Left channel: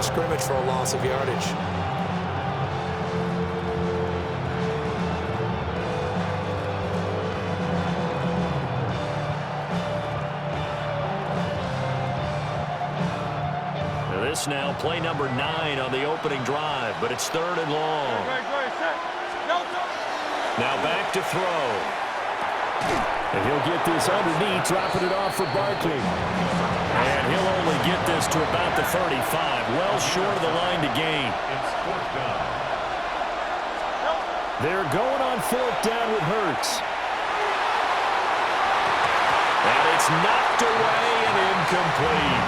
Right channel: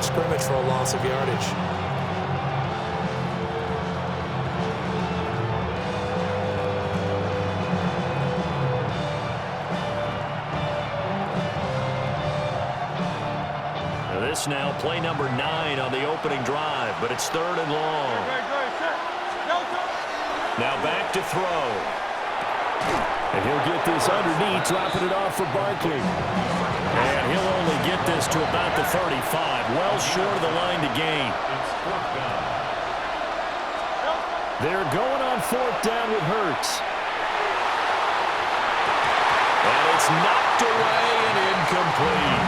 of scrimmage for a loss of yardage. This now play number 9 on the opening drive, but it's 3rd and long. Now back to throw. And he'll get this underneath, dropping it off for Barkley. And he'll only get this to about the 35, well short of the line to gain. They're going on 4th down with Hurts. And it's knocked away and incomplete.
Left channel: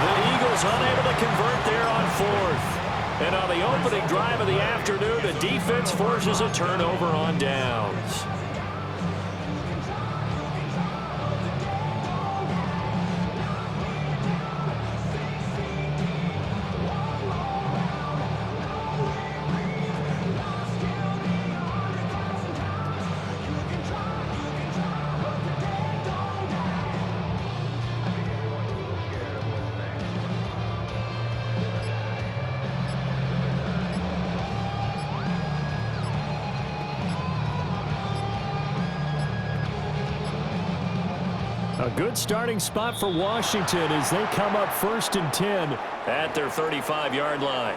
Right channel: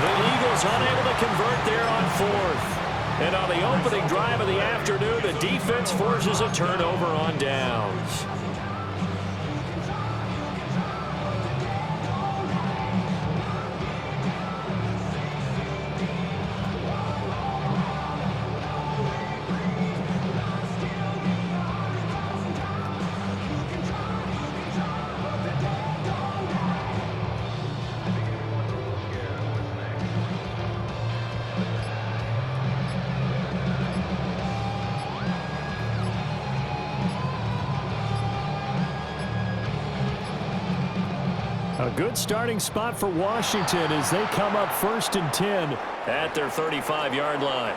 The Eagles unable to convert there on 4th. And on the opening drive of the afternoon, the defense forces a turnover on downs. A good starting spot for Washington as they come up 1st and 10 at their 35-yard line.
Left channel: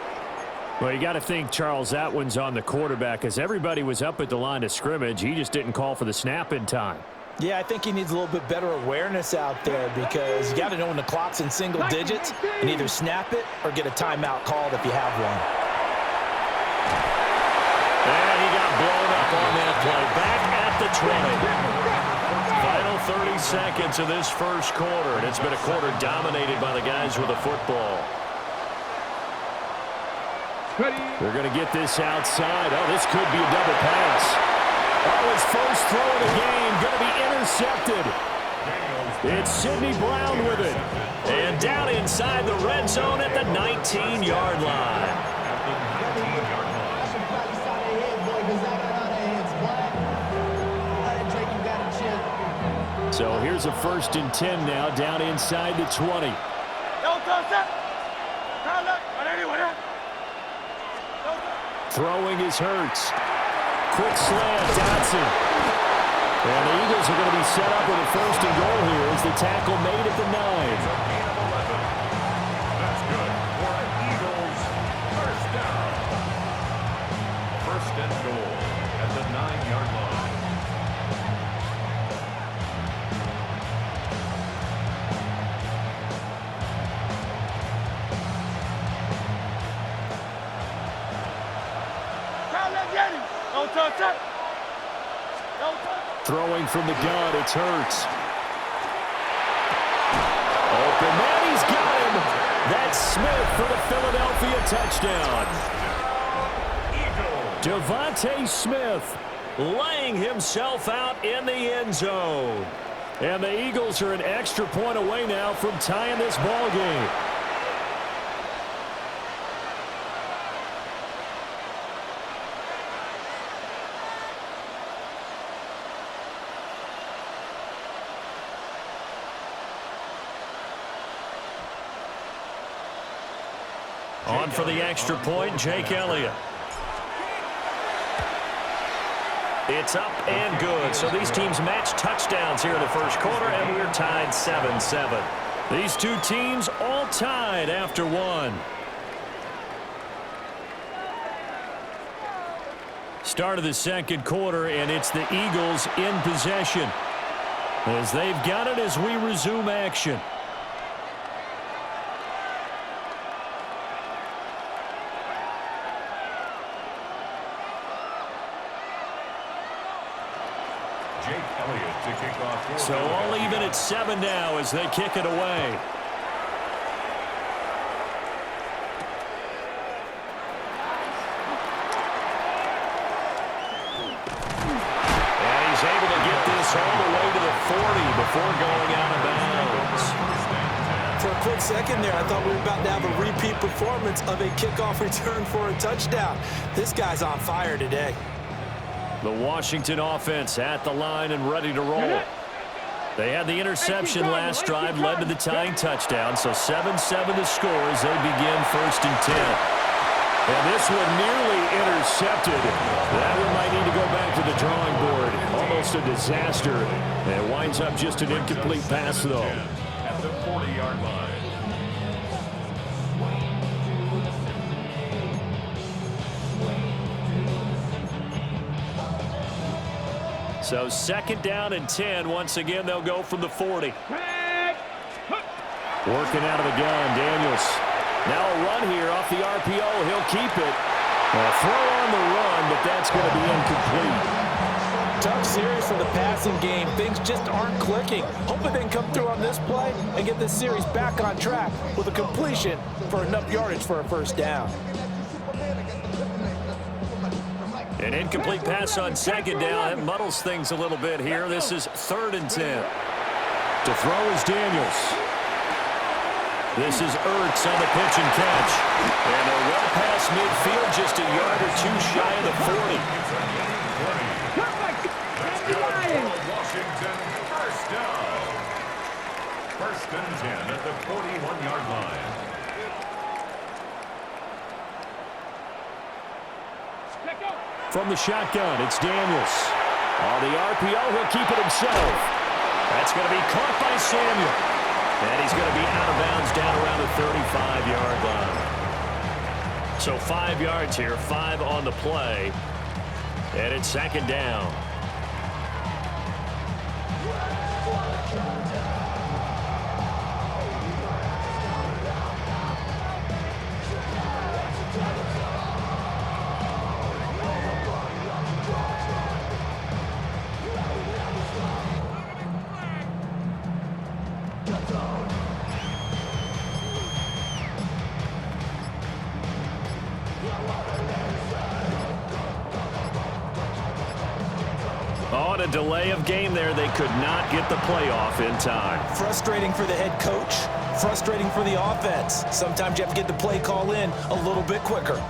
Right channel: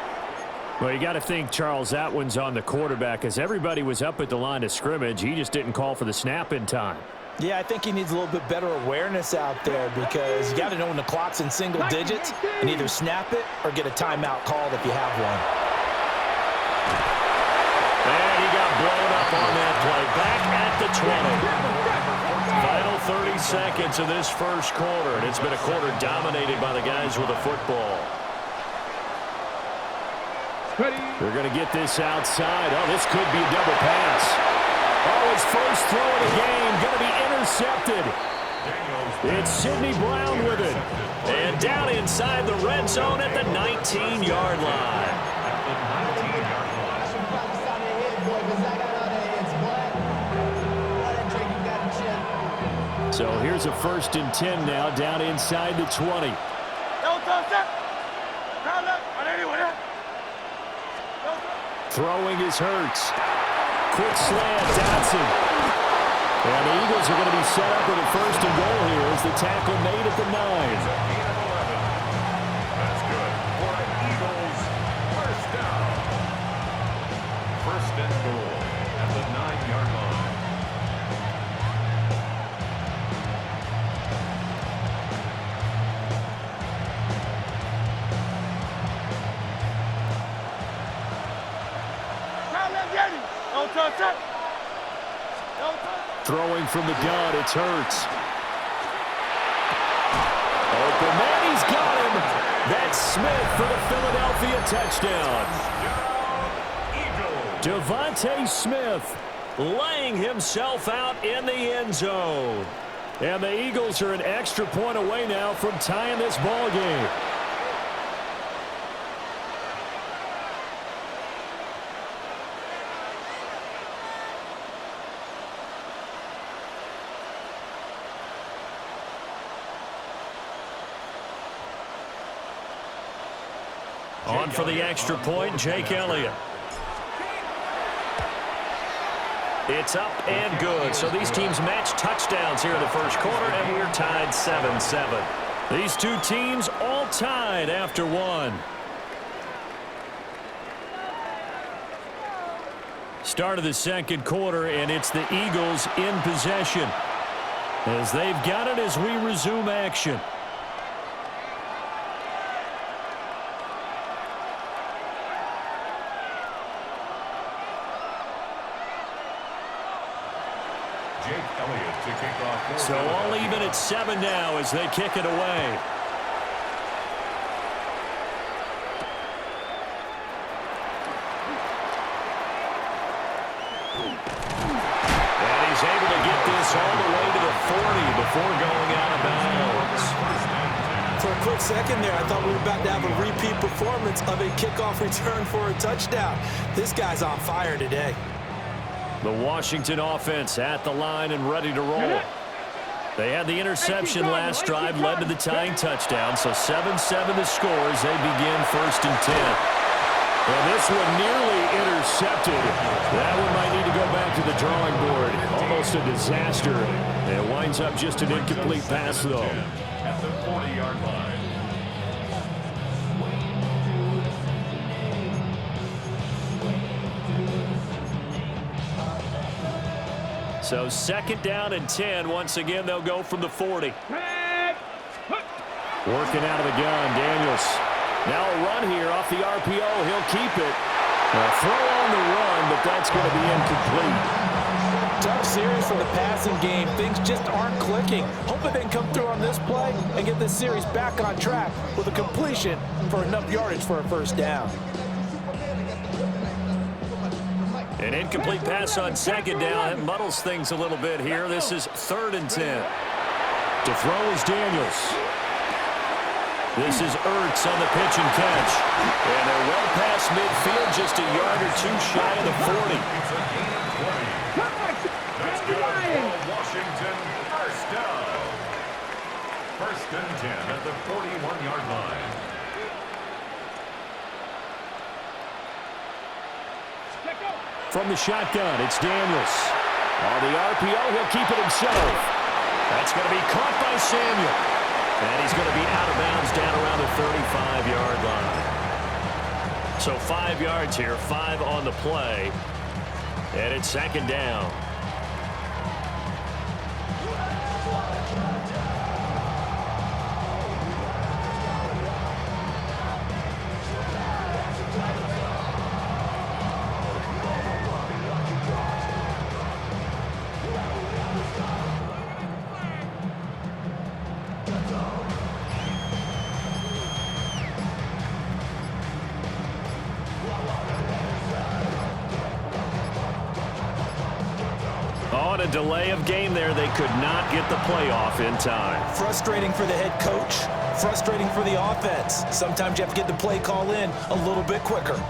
Well, you got to think Charles Atwin's on the quarterback as everybody was up at the line of scrimmage. He just didn't call for the snap in time. Yeah, I think he needs a little bit better awareness out there because you got to know when the clock's in single digits and either snap it or get a timeout called if you have one. And he got blown up on that play. Back at the 20. Final 30 seconds of this first quarter, and it's been a quarter dominated by the guys with the football. They're going to get this outside. Oh, this could be a double pass. Oh, his first throw of the game going to be intercepted. It's Sidney Brown with it. And down inside the red zone at the 19-yard line. So here's a 1st and 10 now down inside the 20. Throwing is Hurts. Quick slant, Dotson. And the Eagles are going to be set up with a 1st and goal here as the tackle made at the 9. That's good for an Eagles first down. 1st and goal at the 9-yard line. Throwing from the gun, it's Hurts. Open man, he's got him. That's Smith for the Philadelphia touchdown. Devontae Smith laying himself out in the end zone. And the Eagles are an extra point away now from tying this ball game. On for the extra point, Jake Elliott. It's up and good. So these teams match touchdowns here in the first quarter, and we're tied 7-7. These two teams all tied after one. Start of the second quarter, and it's the Eagles in possession as they've got it as we resume action. Jake Elliott to kick off. So all even at 7 now as they kick it away. And he's able to get this all the way to the 40 before going out of bounds. For a quick second there, I thought we were about to have a repeat performance of a kickoff return for a touchdown. This guy's on fire today. The Washington offense at the line and ready to roll. They had the interception last drive, led to the tying touchdown. So 7-7 the score as they begin 1st and 10. And this one nearly intercepted. That one might need to go back to the drawing board. Almost a disaster. And it winds up just an incomplete pass, though. At the 40-yard line. So 2nd down and 10. Once again, they'll go from the 40. Working out of the gun, Daniels. Now a run here off the RPO. He'll keep it. A throw on the run, but that's going to be incomplete. Tough series for the passing game. Things just aren't clicking. Hoping they can come through on this play and get this series back on track with a completion for enough yardage for a 1st down. An incomplete pass on 2nd down. It muddles things a little bit here. This is 3rd and 10. To throw is Daniels. This is Ertz on the pitch and catch. And they're well past midfield, just a yard or two shy of the 40. It's a gain of 20. That's good for Washington. 1st down. 1st and 10 at the 41-yard line. From the shotgun, it's Daniels. On the RPO, he'll keep it himself. That's going to be caught by Samuel. And he's going to be out of bounds down around the 35-yard line. So 5 yards here, 5 on the play. And it's 2nd down. On a delay of game there, they could not get the playoff in time. Frustrating for the head coach, frustrating for the offense. Sometimes you have to get the play call in a little bit quicker.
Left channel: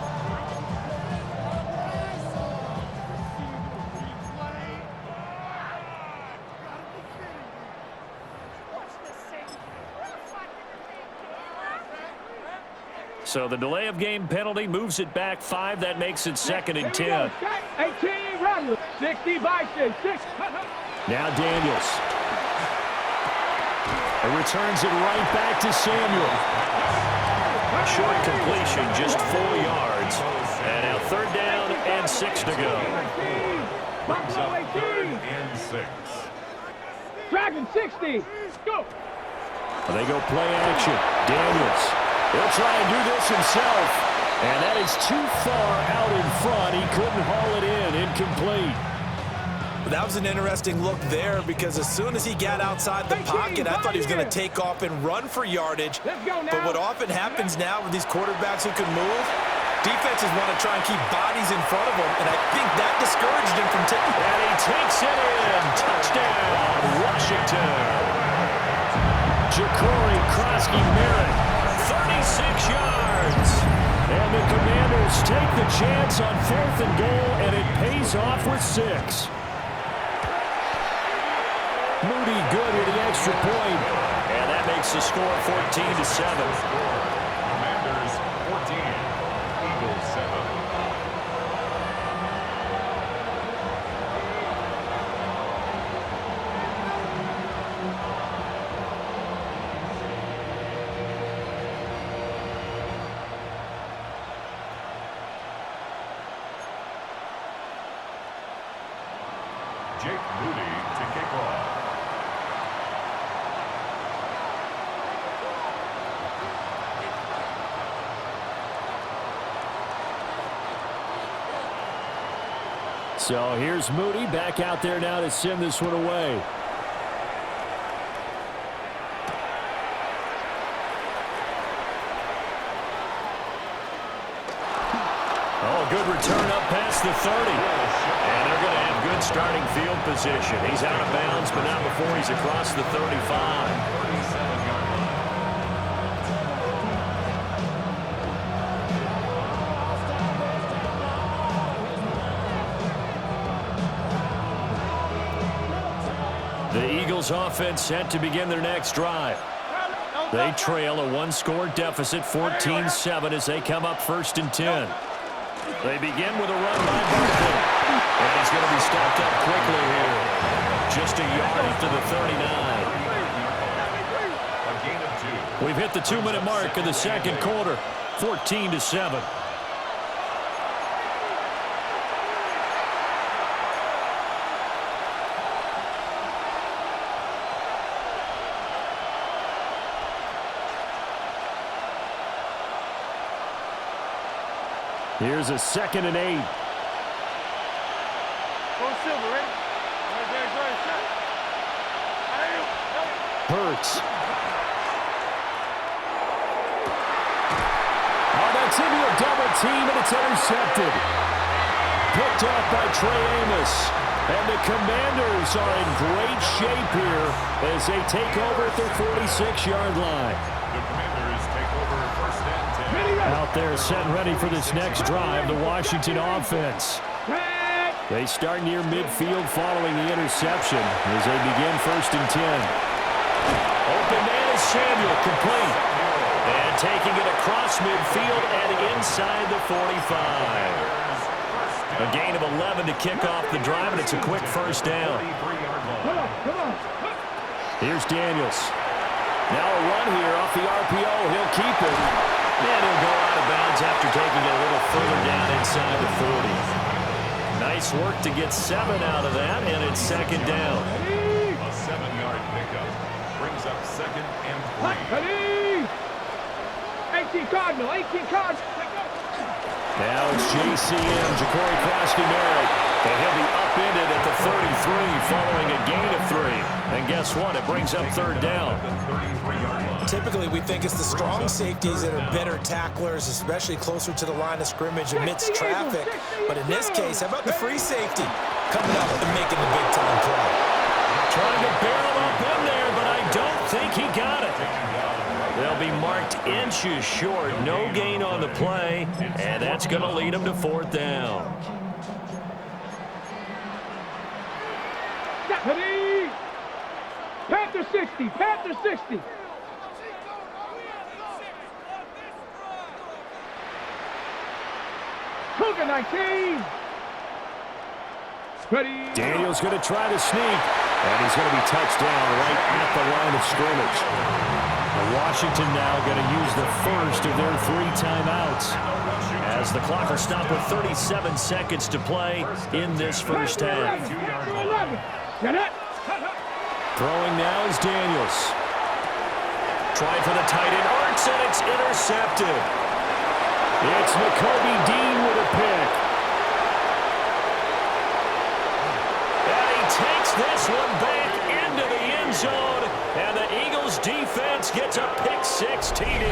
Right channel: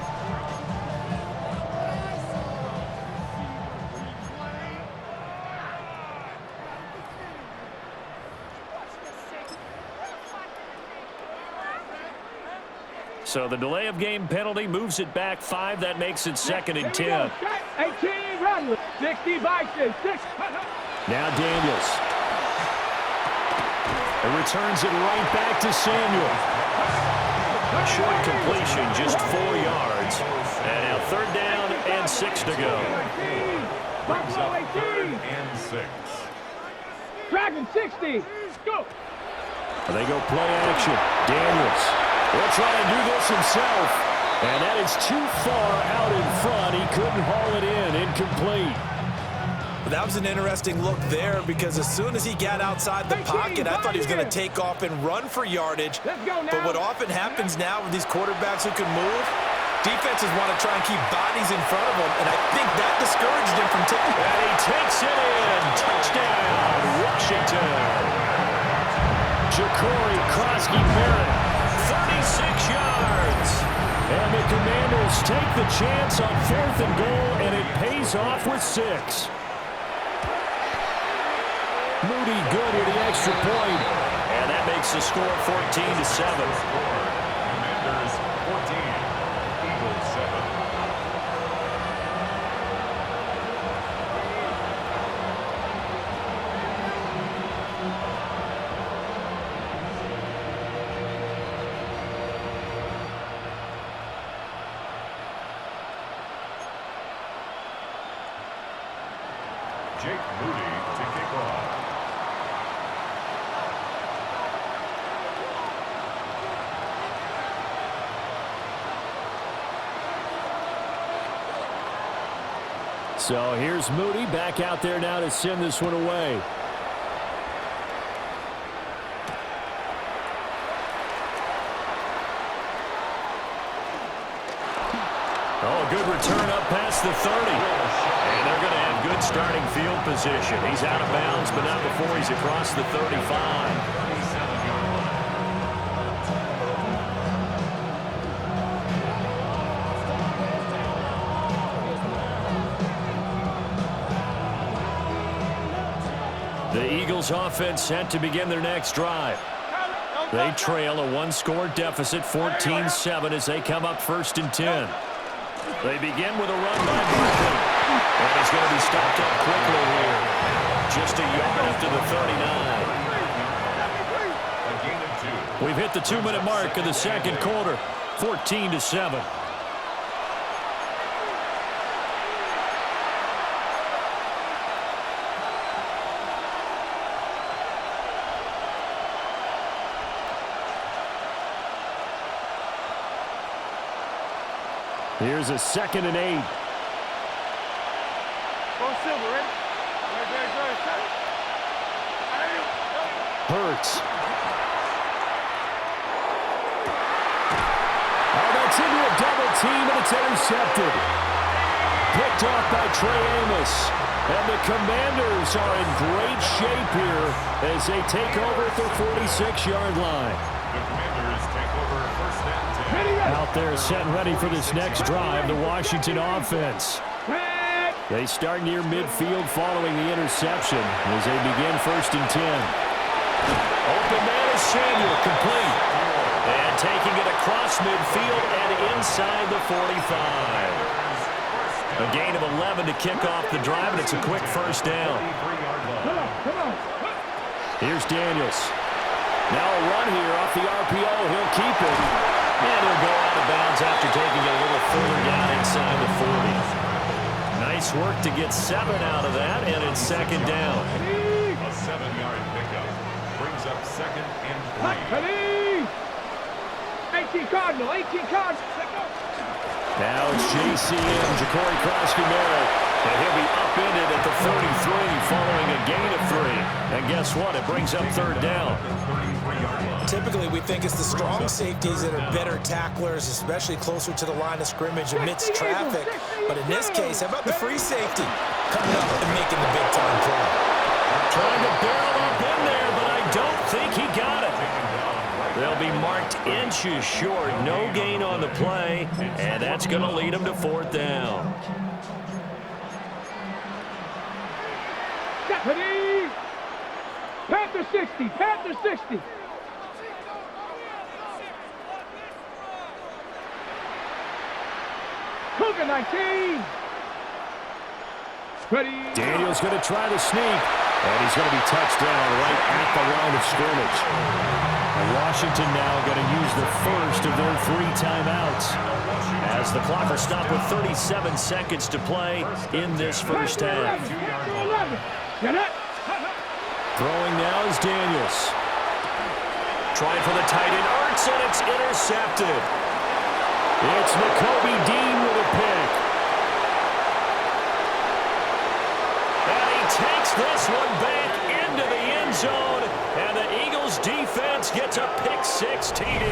So the delay of game penalty moves it back 5. That makes it 2nd and 10. 18, run. 60, Bison, 6. Now Daniels. And returns it right back to Samuel. A short completion, just 4 yards. And now 3rd down and 6 to go. Brings up 3rd and 6. Dragon, 60. Go. They go play action. Daniels. He'll try and do this himself. And that is too far out in front. He couldn't haul it in. Incomplete. That was an interesting look there because as soon as he got outside the pocket, I thought he was going to take off and run for yardage. But what often happens now with these quarterbacks who can move, defenses want to try and keep bodies in front of them, and I think that discouraged him from taking. And he takes it in. Touchdown, Washington. Ja'Cory Krosky-Merritt. 36 yards. And the Commanders take the chance on 4th and goal, and it pays off with 6. Moody good at the extra point. And that makes the score 14-7. Commanders 14, Eagles 7. Jake Moody to kick off. So here's Moody back out there now to send this one away. Oh, a good return up past the 30. And they're going to have good starting field position. He's out of bounds, but not before he's across the 35. 37-yard line. The The Eagles offense set to begin their next drive. They trail a one-score deficit, 14-7, as they come up 1st and 10. They begin with a run by Barkley. And he's going to be stopped up quickly here. Just a yard after the 39. We've hit the 2-minute mark of the second quarter, 14-7. Here's a 2nd and 8. Hurts. Oh, that's into a double team, and it's intercepted. Picked off by Trey Amos. And the Commanders are in great shape here as they take over at their 46-yard line. The Commanders take over 1st and 10. Out there set and ready for this next drive, the Washington offense. They start near midfield following the interception as they begin 1st and 10. Open man is Samuel, complete. And taking it across midfield and inside the 45. A gain of 11 to kick off the drive, and it's a quick 1st down. Here's Daniels. Now a run here off the RPO. He'll keep it. And he'll go out of bounds after taking it a little further down inside the 40. Nice work to get 7 out of that, and it's 2nd down. A 7-yard pickup brings up 2nd and 3. 18 Cardinal, 18 Cardinal. Now it's JCM, Ja'Cory Krosky-Merritt, and he'll be upended at the 33 following a gain of 3. And guess what? It brings up 3rd down. Typically, we think it's the strong safeties that are better tacklers, especially closer to the line of scrimmage amidst traffic. But in this case, how about the free safety coming up and making the big-time play? Trying to barrel up in there, but I don't think he got it. They'll be marked inches short. No gain on the play, and that's going to lead them to 4th down. Panther 60, Panther 60. Cougar 19. Ready. Daniel's going to try to sneak, and he's going to be touched down right at the line of scrimmage. And Washington now going to use the first of their 3 timeouts as the clock will stop with 37 seconds to play in this first half. Throwing now is Daniels. Trying for the tight end, Ertz, and it's intercepted. It's Nakobe Dean with a pick. And he takes this one back into the end zone, and the Eagles defense gets a pick-6 TD.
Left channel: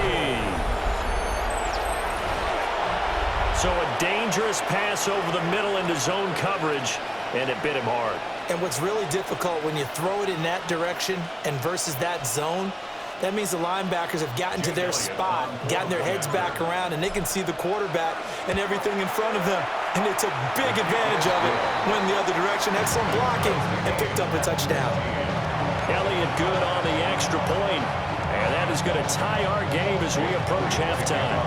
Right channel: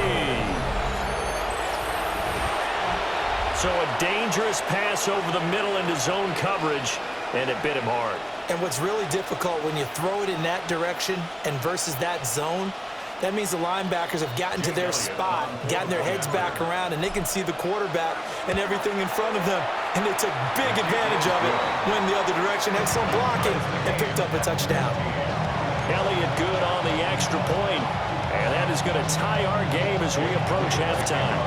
So a dangerous pass over the middle into zone coverage, and it bit him hard. And what's really difficult when you throw it in that direction and versus that zone, that means the linebackers have gotten to their spot, gotten their heads back around, and they can see the quarterback and everything in front of them. And they took big advantage of it, went the other direction, excellent blocking, and picked up a touchdown. Elliott good on the extra point, and that is going to tie our game as we approach halftime.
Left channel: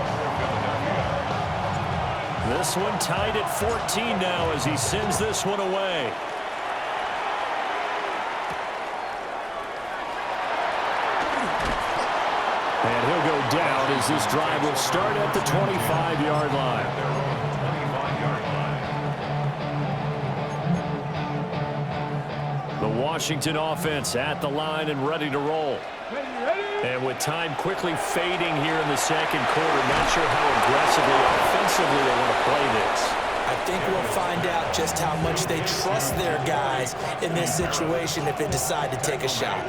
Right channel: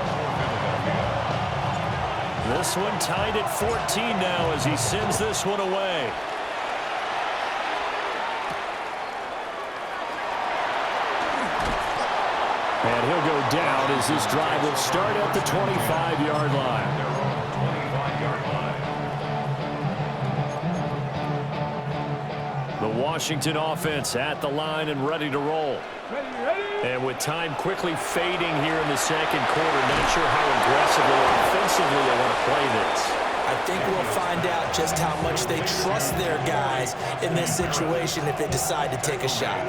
This one tied at 14 now as he sends this one away. And he'll go down as this drive will start at the 25-yard line. They're on the 25-yard line. The Washington offense at the line and ready to roll. And with time quickly fading here in the second quarter, not sure how aggressively, offensively they want to play this. I think we'll find out just how much they trust their guys in this situation if they decide to take a shot.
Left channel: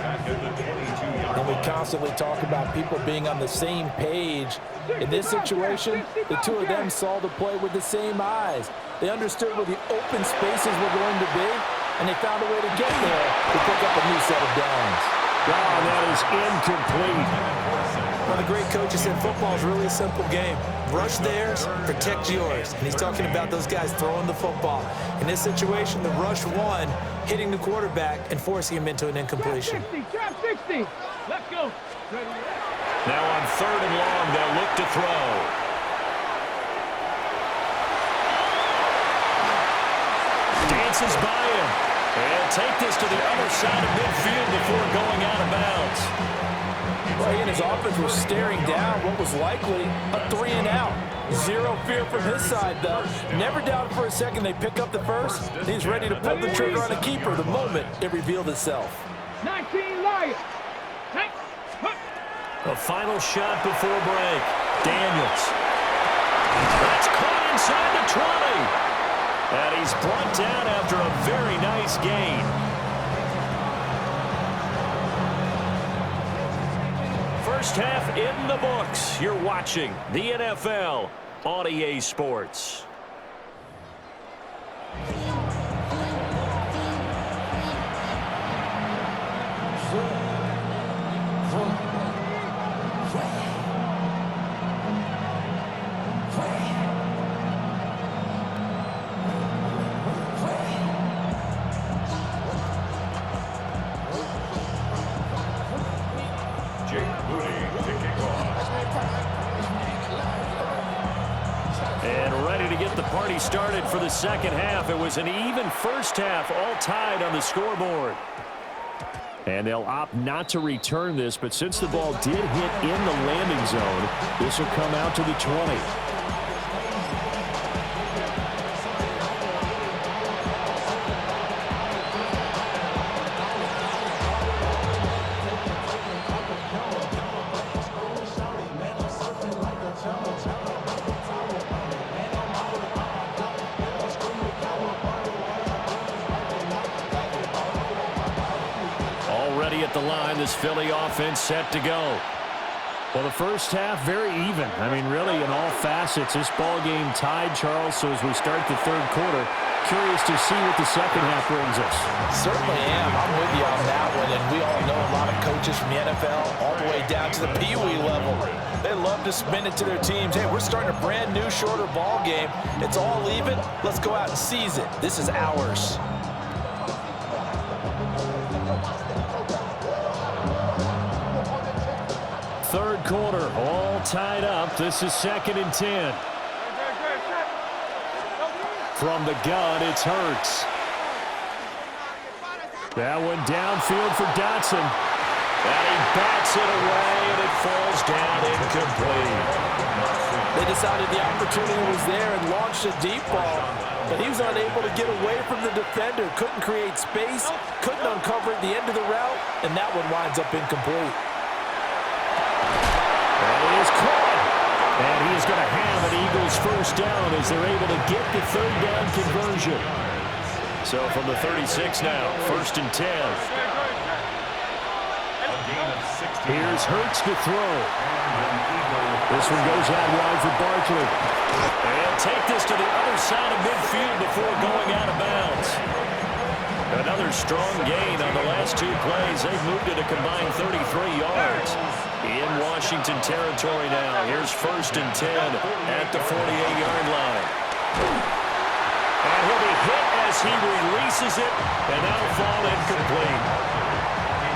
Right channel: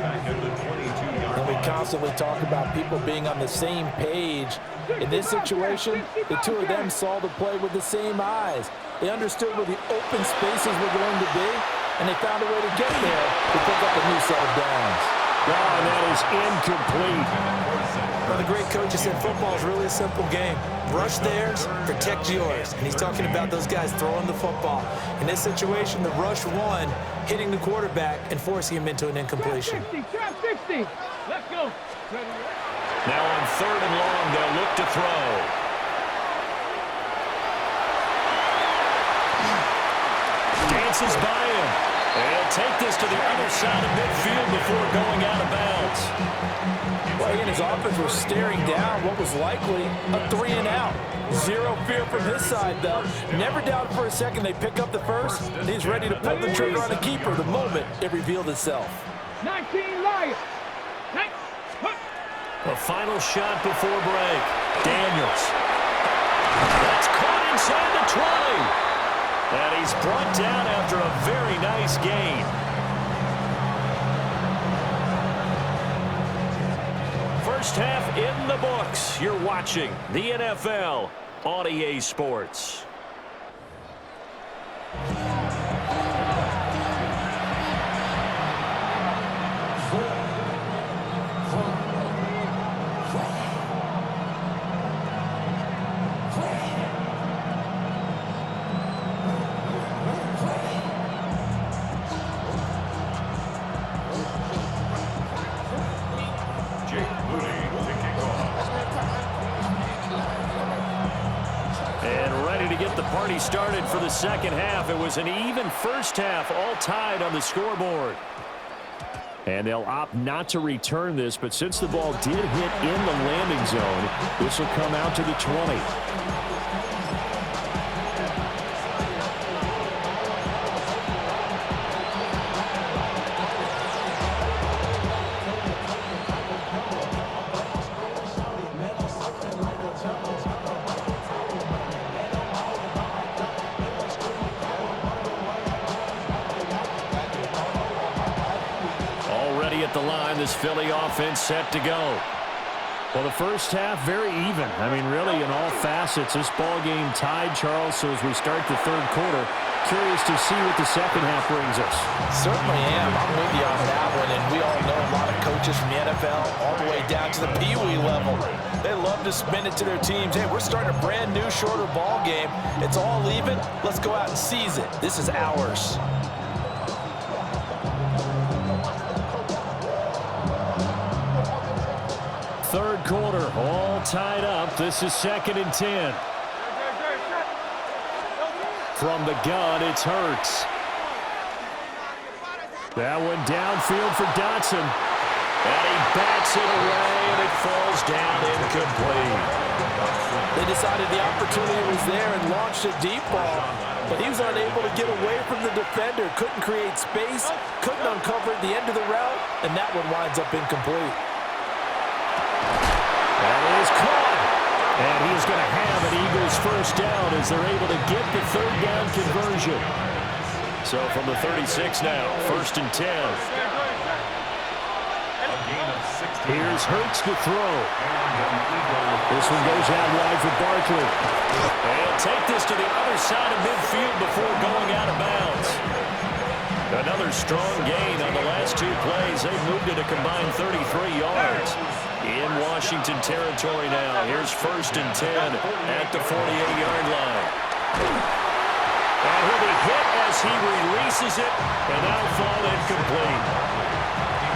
And we constantly talk about people being on the same page. In this situation, the two of them saw the play with the same eyes. They understood where the open spaces were going to be, and they found a way to get there to pick up a new set of downs. Oh, that is incomplete. One of the great coaches said football is really a simple game. Rush theirs, protect yours. And he's talking about those guys throwing the football. In this situation, the rush one, hitting the quarterback and forcing him into an incompletion. Trap 60. Let's go. Now on 3rd and long, they'll look to throw. Dances by him. And take this to the other side of midfield before going out of bounds. Well, he and his offense were staring down what was likely a 3-and-out. Zero fear from his side, though. Never doubted for a second they pick up the first. And he's ready to pull the trigger on a keeper the moment it revealed itself. 19 Lions. A final shot before break. Daniels. That's caught inside the 20. And he's brought down after a very nice gain. First half in the books. You're watching the NFL on EA Sports. And ready to get the party started for the second half. It was an even first half, all tied on the scoreboard. And they'll opt not to return this, but since the ball did hit in the landing zone, this will come out to the 20. At the line, this Philly offense set to go. Well, the first half, very even. I mean, really, in all facets, this ball game tied, Charles. So as we start the third quarter, curious to see what the second half brings us. Certainly am. I'm with you on that one. And we all know a lot of coaches from the NFL all the way down to the Pee Wee level. They love to spin it to their teams. Hey, we're starting a brand new, shorter ball game. It's all even. Let's go out and seize it. This is ours. Third quarter, all tied up. This is 2nd and 10. From the gun, it's Hurts. That one downfield for Dotson. And he bats it away, and it falls down incomplete. They decided the opportunity was there and launched a deep ball, but he was unable to get away from the defender, couldn't create space, couldn't uncover at the end of the route, and that one winds up incomplete. That is caught. And he is going to have an Eagles first down as they're able to get the third down conversion. So from the 36 now, 1st and 10. Here's Hurts to throw. This one goes out wide for Barkley. They'll take this to the other side of midfield before going out of bounds. Another strong gain on the last 2 plays. They've moved it a combined 33 yards. In Washington territory now. Here's 1st and 10 at the 48-yard line. And he'll be hit as he releases it, and that'll fall incomplete.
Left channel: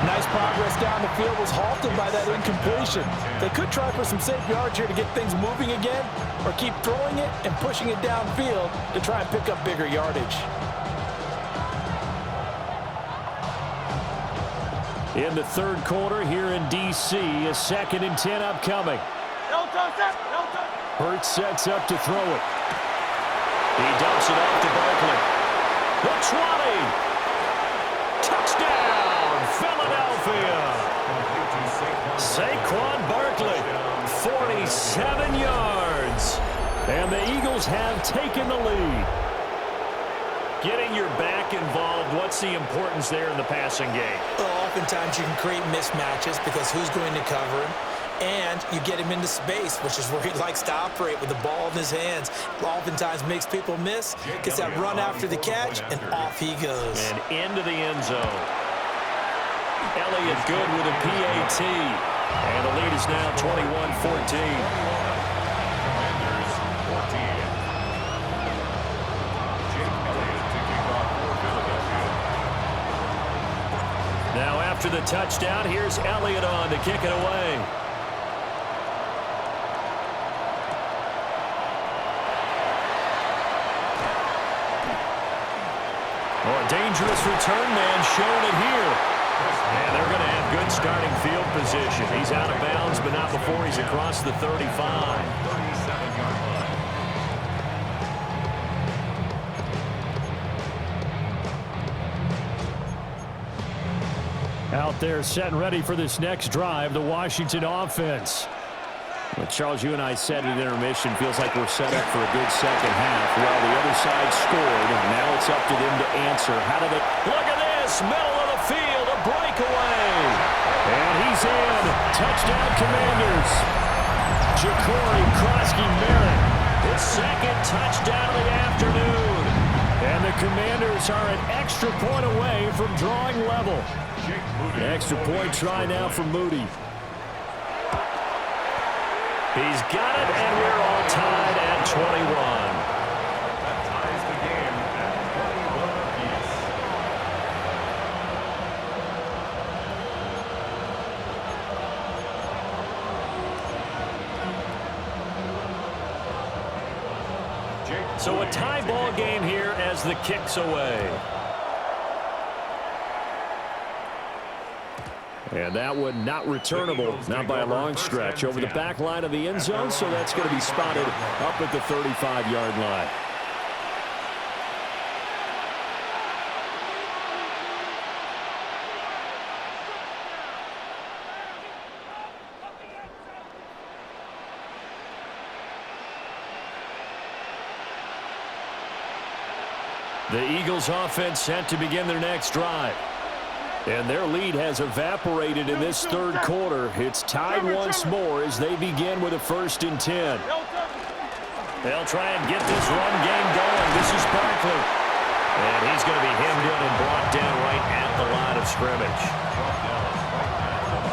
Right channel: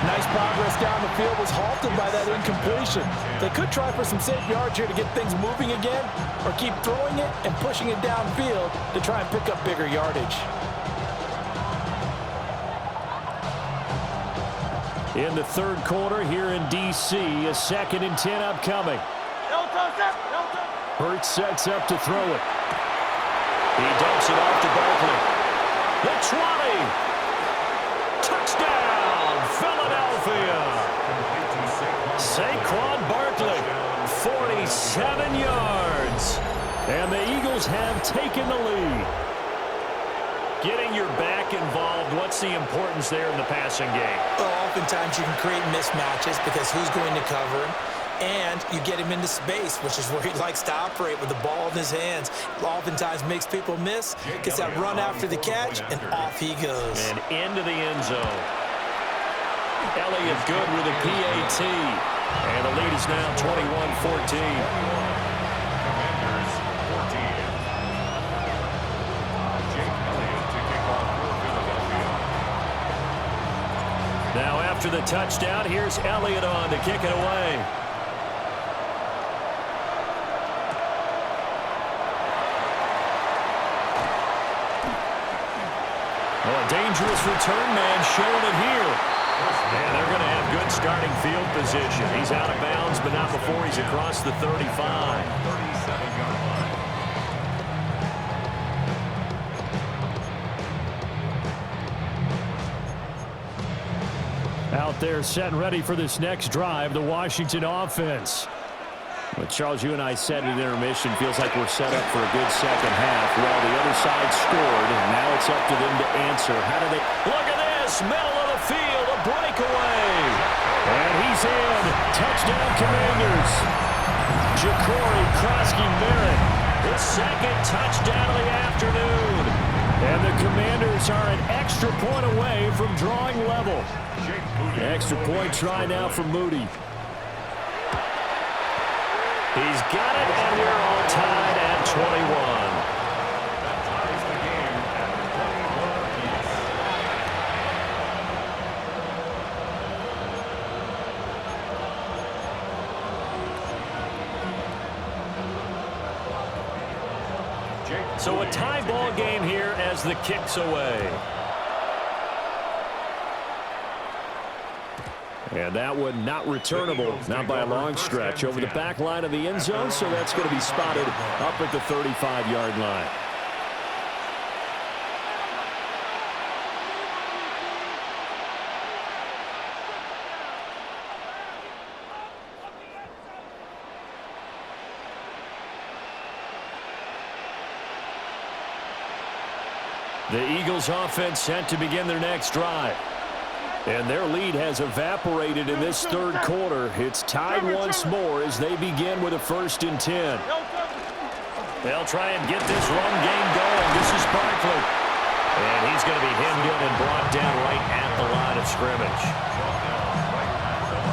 Nice progress down the field, was halted by that incompletion. They could try for some safe yards here to get things moving again, or keep throwing it and pushing it downfield to try and pick up bigger yardage. In the third quarter here in D.C., a 2nd and 10 upcoming. Hurts sets up to throw it. He dumps it off to Barkley. The 20. Touchdown, Philadelphia. Saquon Barkley, 47 yards. And the Eagles have taken the lead. Getting your back involved, what's the importance there in the passing game? Well, oftentimes you can create mismatches because who's going to cover him? And you get him into space, which is where he likes to operate with the ball in his hands. Oftentimes makes people miss, gets that run after the catch, and off he goes. And into the end zone. Elliott good with a PAT. And the lead is now 21-14. Commanders 14. Jake Elliott to kick off for Philadelphia. Now after the touchdown, here's Elliott on to kick it away. Oh, a dangerous return man showing it here. And they're going to have good starting field position. He's out of bounds, but not before he's across the 35. 37-yard line. Out there set and ready for this next drive, the Washington offense. Well, Charles, you and I said at intermission, feels like we're set up for a good second half. Well, the other side scored, and now it's up to them to answer. How do they... Look at this, middle of the field, a breakaway. And he's in. Touchdown, Commanders. Ja'Cory Krosky-Merritt. His second touchdown of the afternoon. And the Commanders are an extra point away from drawing level. Extra point try now for Moody. He's got it, and we're all tied at 21. That ties the game at 21 apiece. So a tie ball game here as the kick's away. And that one not returnable, not by a long stretch, over the back line of the end zone, so that's going to be spotted up at the 35-yard line. The Eagles offense set to begin their next drive. And their lead has evaporated in this third quarter. It's tied once more as they begin with a 1st and 10. They'll try and get this run game going. This is Barkley. And he's going to be hemmed in and brought down right at the line of scrimmage.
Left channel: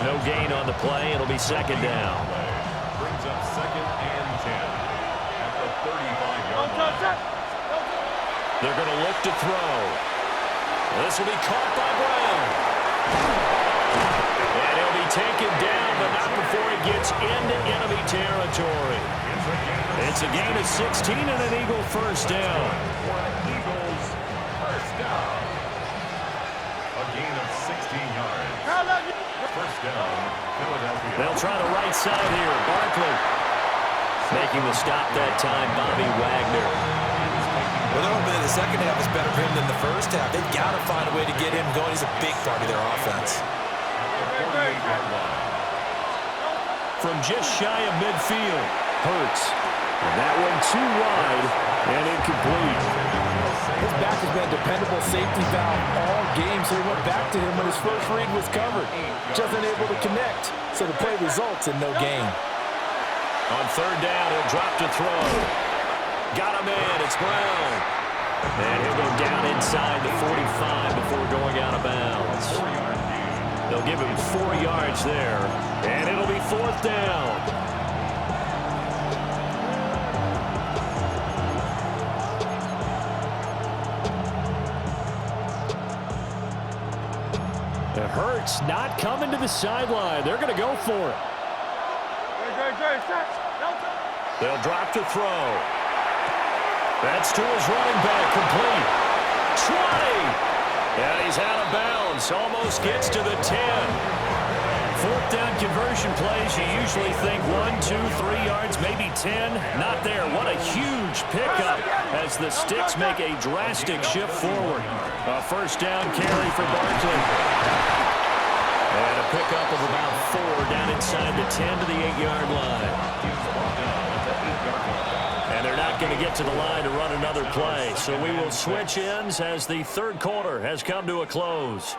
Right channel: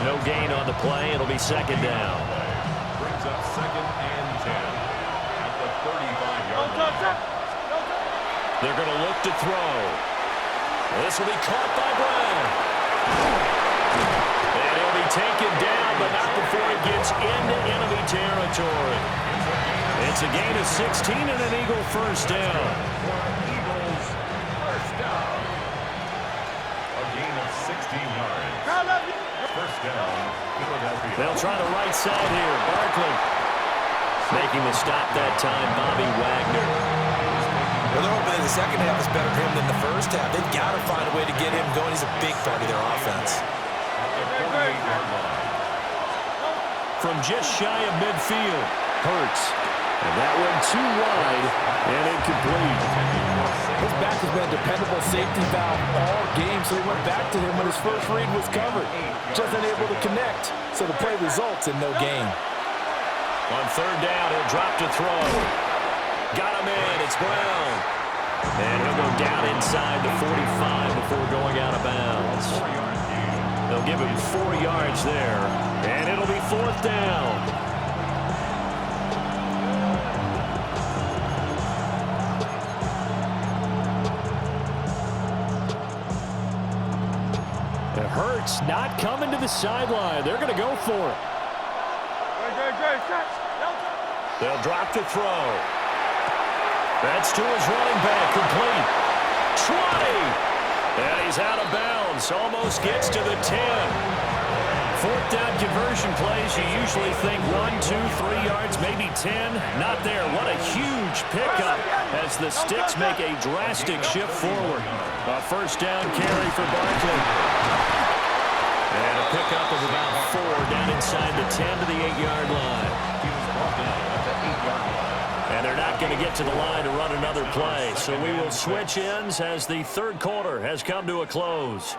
No gain on the play. It'll be second down. Brings up 2nd and 10 at the 35-yard line. They're going to look to throw. This will be caught by Brown. And he'll be taken down, but not before he gets into enemy territory. It's a gain of 16 and an Eagle first down. For an Eagles first down. A gain of 16 yards. First down, Philadelphia. They'll try the right side here. Barkley making the stop that time, Bobby Wagner. Well, they're hoping that the second half is better for him than the first half. They've got to find a way to get him going. He's a big part of their offense. At the 48-yard line. From just shy of midfield, Hurts. And that one too wide and incomplete. His back has been a dependable safety valve all game, so he went back to him when his first read was covered. Just unable to connect, so the play results in no gain. On third down, he'll drop to throw. Got him in. It's Brown. And he'll go down inside the 45 before going out of bounds. They'll give him 4 yards there. And it'll be 4th down. It hurts not coming to the sideline. They're going to go for it. They'll drop to throw. That's to his running back, complete. 20! And he's out of bounds, almost gets to the 10. 4th down conversion plays, you usually think 1, 2, 3 yards, maybe 10. Not there. What a huge pickup as the Sticks make a drastic shift forward. A first down carry for Barkley. And a pickup of about 4 down inside the 10 to the 8-yard line. He was brought down at the 8-yard line. And they're not going to get to the line to run another play. So we will switch ends as the third quarter has come to a close.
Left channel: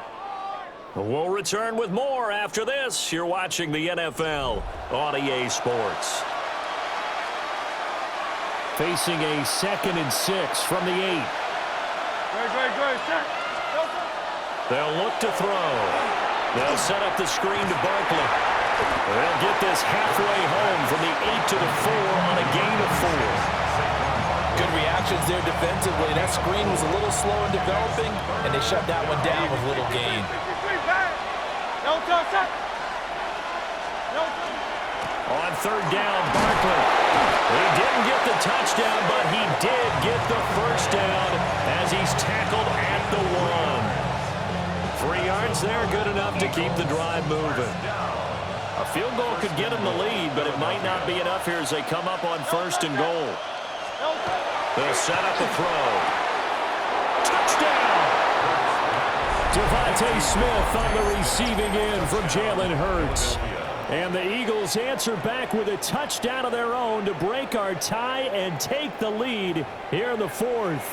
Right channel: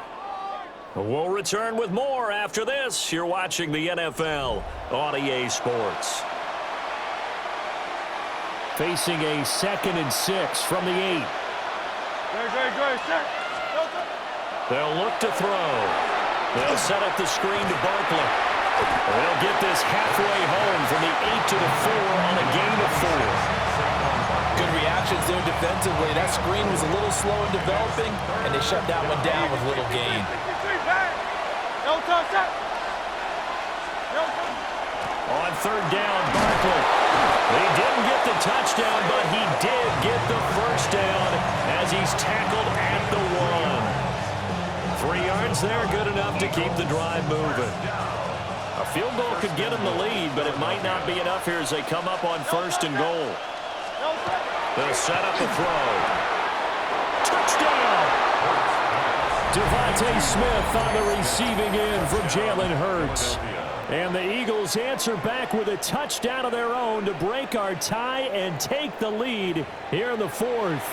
We'll return with more after this. You're watching the NFL on EA Sports. Facing a 2nd and 6 from the 8. They'll look to throw. They'll set up the screen to Barkley. They'll get this halfway home from the 8 to the 4 on a gain of 4. Good reactions there defensively. That screen was a little slow in developing, and they shut that one down with little gain. On third down, Barkley. He didn't get the touchdown, but he did get the first down as he's tackled at the 1. 3 yards there, good enough to keep the drive moving. A field goal could get him the lead, but it might not be enough here as they come up on 1st and goal. They'll set up a throw. Touchdown! Devontae Smith on the receiving end from Jalen Hurts. And the Eagles answer back with a touchdown of their own to break our tie and take the lead here in the 4th.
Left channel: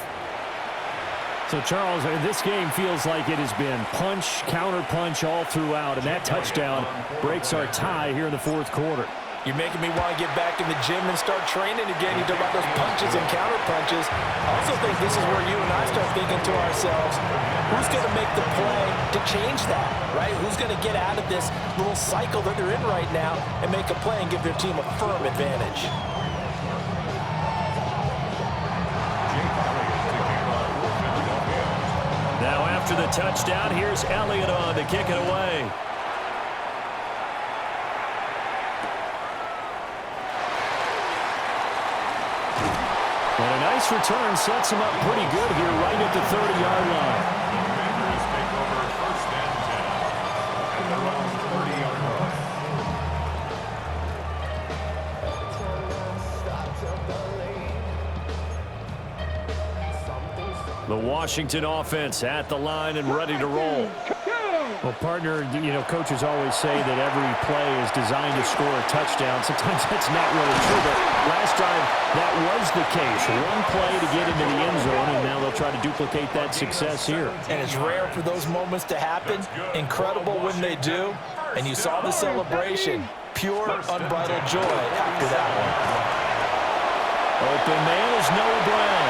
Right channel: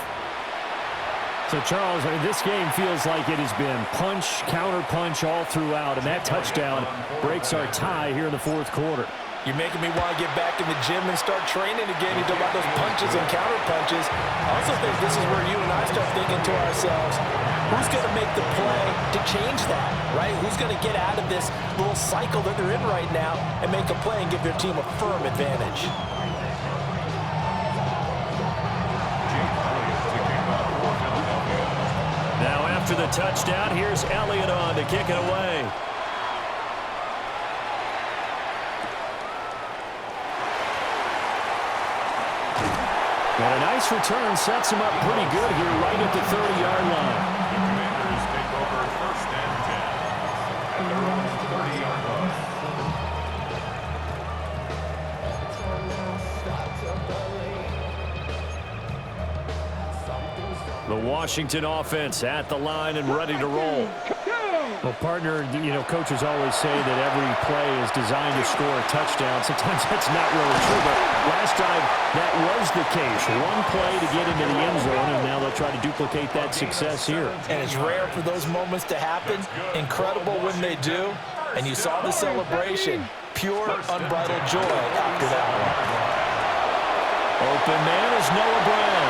So, Charles, this game feels like it has been punch, counter-punch all throughout, and that touchdown breaks our tie here in the 4th quarter. You're making me want to get back in the gym and start training again. You talk about those punches and counter-punches. I also think this is where you and I start thinking to ourselves, who's going to make the play to change that, right? Who's going to get out of this little cycle that they're in right now and make a play and give their team a firm advantage? Now after the touchdown, here's Elliott on to kick it away. And a nice return sets him up pretty good here right at the 30-yard line. The Commanders take over 1st and 10 at their own 30-yard line. The Washington offense at the line and ready to roll. Well, partner, coaches always say that every play is designed to score a touchdown. Sometimes that's not really true, but last drive, that was the case. One play to get into the end zone, and now they'll try to duplicate that success here. And it's rare for those moments to happen. Incredible when they do. And you saw the celebration. Pure, unbridled joy after that one. Open man is Noah Brown.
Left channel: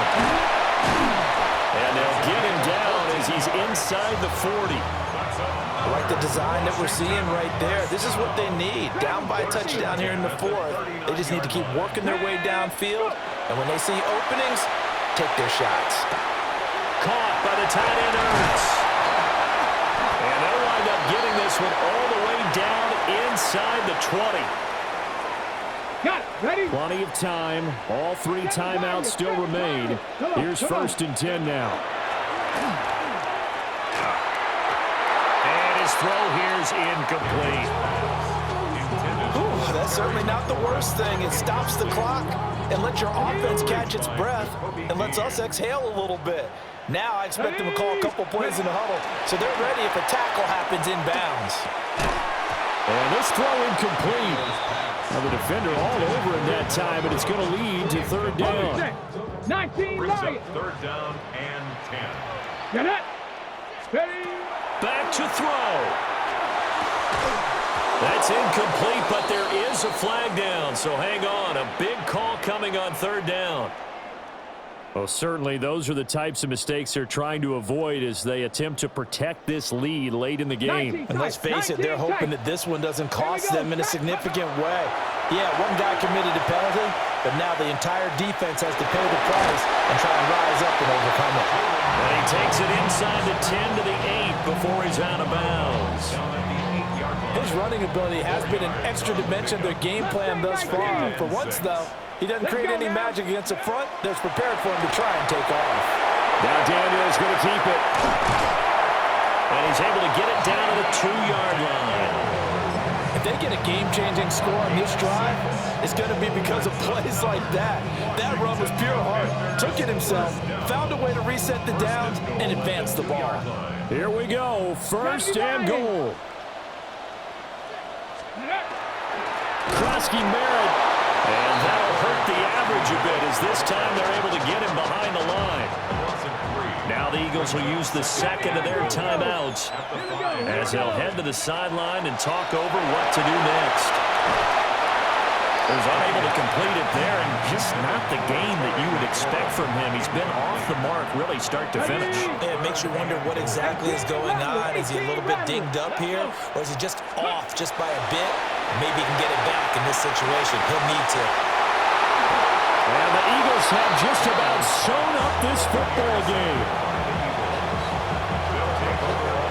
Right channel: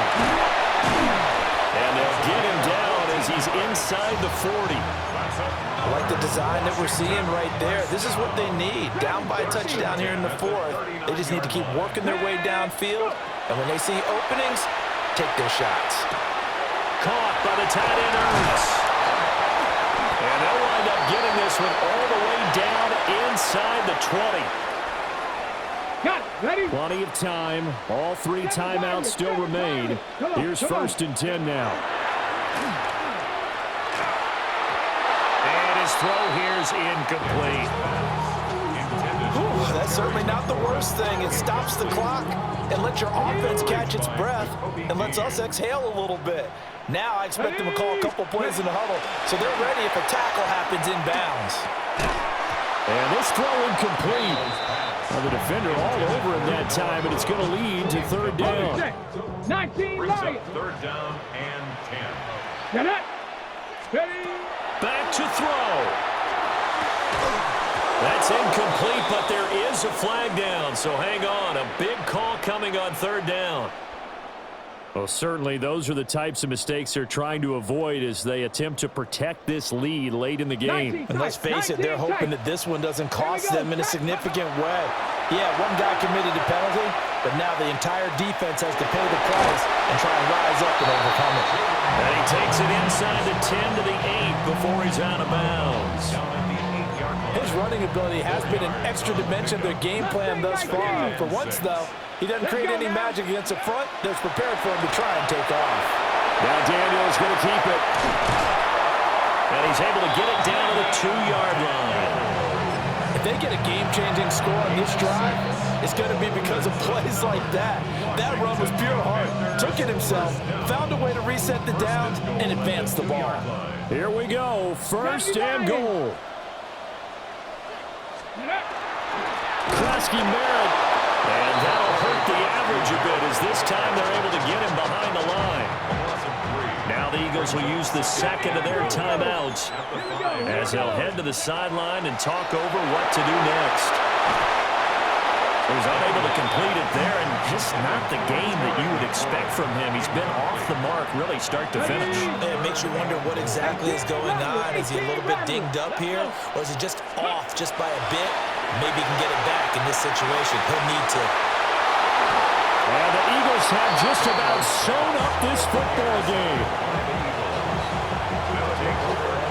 And they'll get him down as he's inside the 40. I like the design that we're seeing right there. This is what they need. Down by a touchdown here in the 4th. They just need to keep working their way downfield. And when they see openings, take their shots. Caught by the tight end, Ertz. And they'll wind up getting this one all the way down inside the 20. Got it. Ready? Plenty of time. All 3 timeouts still remain. Here's 1st and 10 now. And his throw here's incomplete. Ooh, that's certainly not the worst thing. It stops the clock and lets your offense catch its breath and lets us exhale a little bit. Now I expect them to call a couple plays in the huddle, so they're ready if a tackle happens inbounds. And this throw incomplete. Now the defender all over him that time, and it's going to lead to 3rd down. 19 Brings up Lions. 3rd down and 10. Get it. Ready. Back to throw. That's incomplete, but there is a flag down, so hang on. A big call coming on 3rd down. Well, certainly those are the types of mistakes they're trying to avoid as they attempt to protect this lead late in the game. And let's face it, they're hoping that this one doesn't cost them in a significant way. Yeah, one guy committed a penalty, but now the entire defense has to pay the price and try and rise up and overcome it. And he takes it inside the 10 to the 8 before he's out of bounds. His running ability has been an extra dimension of their game plan thus far. For once, though, he doesn't create any magic against the front that's prepared for him to try and take off. Now Daniel's going to keep it. And he's able to get it down to the 2-yard line. If they get a game-changing score on this drive, it's going to be because of plays like that. That run was pure heart. Took it himself, found a way to reset the downs, and advance the ball. Here we go. 1st and goal. Krosky Merritt. And that'll hurt the average a bit as this time they're able to get him behind the line. Now the Eagles will use the 2nd of their timeouts as they'll head to the sideline and talk over what to do next. Was unable to complete it there, and just not the game that you would expect from him. He's been off the mark really start to finish. It makes you wonder what exactly is going on. Is he a little bit dinged up here, or is he just off just by a bit? Maybe he can get it back in this situation. He'll need to. And the Eagles have just about sewn up this football game. They'll take over